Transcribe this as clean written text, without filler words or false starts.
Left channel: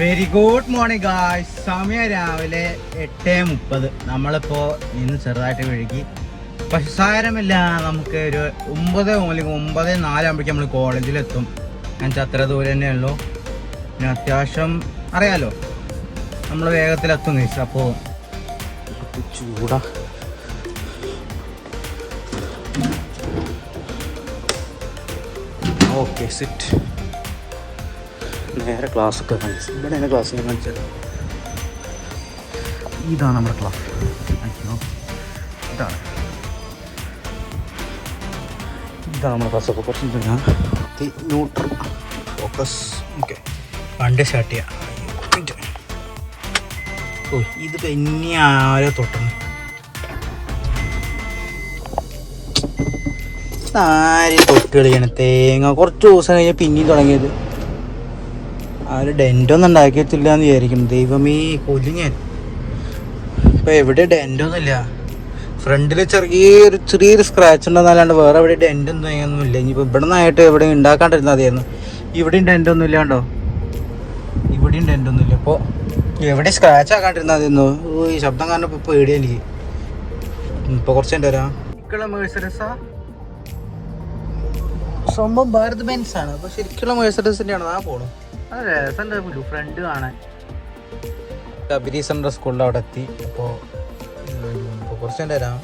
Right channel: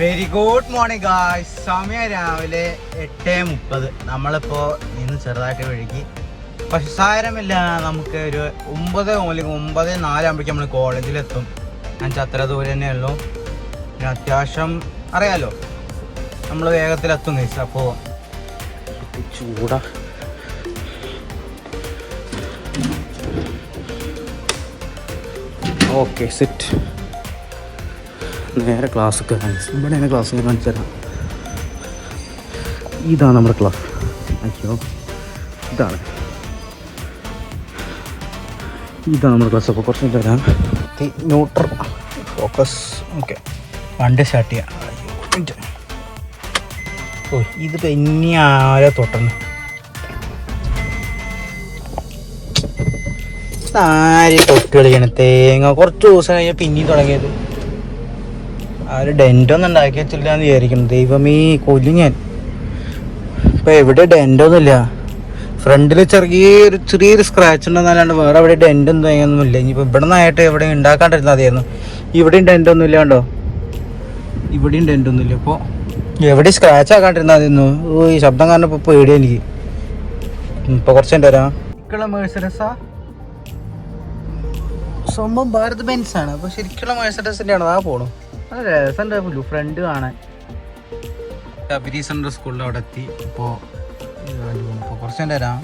Very good morning guys. സമയം രാവിലെ 8:30. നമ്മളിപ്പോൾ ഇന്ന് ചെറുതായിട്ട് വഴുകി, പക്ഷെ സാരമില്ല. നമുക്ക് ഒരു 9 അല്ലെങ്കിൽ 9:04 നമ്മൾ കോളേജിലെത്തും. എന്നുവെച്ചാൽ അത്ര ദൂരം തന്നെ ഉള്ളൂ. പിന്നെ അത്യാവശ്യം അറിയാലോ, നമ്മൾ വേഗത്തിലെത്തും കഴിച്ചു. അപ്പോൾ ചൂടാ. Okay set. നേരെ ക്ലാസ് ഇവിടെയാണ് ക്ലാസ് കാണിച്ചു തരാം. ഇതാണ് നമ്മുടെ ക്ലാസ്. അയ്യോ, ഇതാണ് നമ്മുടെ ക്ലാസ്. അപ്പോൾ കുറച്ച് തരാം. Neutral focus. ഓക്കെ, വണ്ടി സ്റ്റാർട്ട് ചെയ്യാം. ഓ, ഇതിപ്പോൾ ഇനി ആരോ തൊട്ടണം. ആര് തൊട്ട് കളിക്കണം തേങ്ങ. കുറച്ച് ദിവസം കഴിഞ്ഞാൽ പിന്നെയും തുടങ്ങിയത്. ആര് ഡെൻറ്റൊന്നും ഉണ്ടാക്കി വെച്ചില്ല എന്ന് വിചാരിക്കുന്നു. ദൈവമേ, കൊല്ലു ഞാൻ. ഇപ്പം എവിടെ ഡെൻറ്റൊന്നുമില്ല. ഫ്രണ്ടിൽ ചെറിയൊരു സ്ക്രാച്ച് ഉണ്ടെന്നല്ലാണ്ട് വേറെ എവിടെ ഡെൻറ്റൊന്നും തേങ്ങയൊന്നുമില്ല. ഇനിയിപ്പോൾ ഇവിടെ നിന്നായിട്ട് എവിടെ ഉണ്ടാക്കാണ്ടിരുന്നാൽ മതിയായിരുന്നു. ഇവിടെയും ഡെൻറ്റൊന്നും ഇല്ല കണ്ടോ, ഇവിടെയും ഡെൻറ്റൊന്നുമില്ല. അപ്പോൾ എവിടെ സ്ക്രാച്ച് ആക്കാണ്ടിരുന്നാൽ മതിയായിരുന്നു. ഈ ശബ്ദം കാരണം ഇപ്പോൾ പേടിയാ എനിക്ക്. ഇപ്പോൾ കുറച്ച് എൻ്റെ വരാം. ശരിക്കുള്ള മേഴ്സഡസാ, സ്വന്തം ഭാരത് ബെൻസ് ആണ്. അപ്പോൾ ശരിക്കുള്ള മേഴ്സഡസിൻ്റെ ആണ്. ആ പോണു നല്ല രസമുണ്ട് ഫ്രണ്ട് കാണാൻ. അബിരി സെൻട്രൽ സ്കൂളിൽ അവിടെ എത്തി. അപ്പോൾ കുറച്ച് എൻ്റെ വരാം.